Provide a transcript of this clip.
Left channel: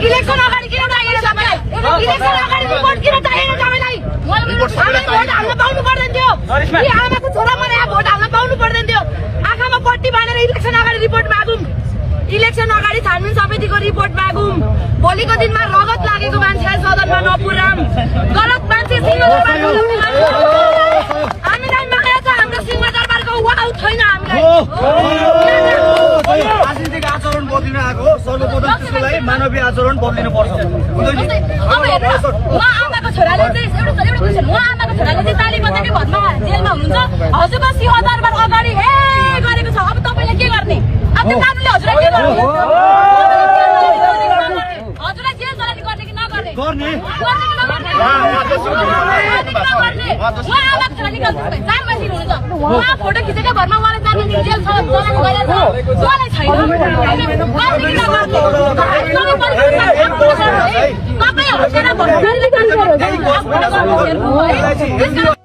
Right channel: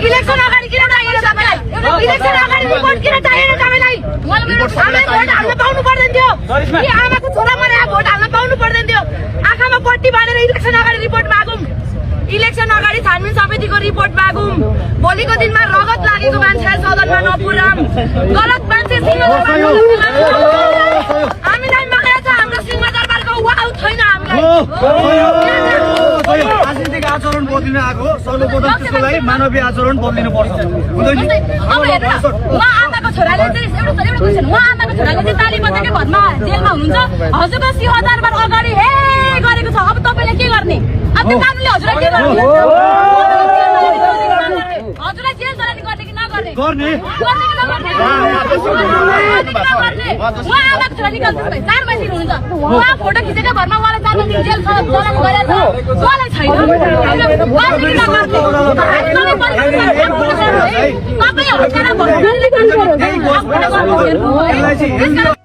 Election अगाडि किन चाहिएन तपाईँलाई? इलेक्सन अगाडि रिपोर्ट किन चाहिएन तपाईँलाई? भोट हाल्न पाउनु पर्दैन थियो कि आमाको छोरा मरेर भोट हाल्न पाउनु पर्दैन थियो? आँखामा पट्टी बाँधेर इलेक्सन अगाडि रिपोर्ट मागौँ, इलेक्सन अगाडि छानबिन समितिको रिपोर्ट मागौँ। भोलिको दिनमा रगत लागेको मान्छे सदनमा नपुर्याम, गलत मान्छे हामीलाई माया छ, हाम्रो सिंहदरबारको वाउ छैन हामीलाई। राजनीतिक आचरण बदलिन आएको सर्वप्रथम त्यसको लागि मानवीय आचरण बदलिनु पर्छ। उहाँ आमाको छोराले चाहिँ एउटा क्वेसन, उहाँ आमाको छोराले चाहिँ ताली बजाएकै भरमा जेलमा हुनुहुन्छ, हजुरको सिंहदरबार अगाडि हे गरेको छ, अब तपाईँले के गर्ने? अब त्यो कानुनले हजुरलाई के गर्ने? हजुरलाई जेल चलानी गर्ने कि नगर्ने? गर्ने गर्ने कि नगर्ने? उहाँ आमाको छोरा निकाल्छु 4 महिना हुनुहुन्छ, उहाँ फोटो खिचेकै भरमा उहाँलाई 4 महिना जेल चलानी गरेको छ, उहाँलाई छैन। तपाईँ हजुरलाई भन्नु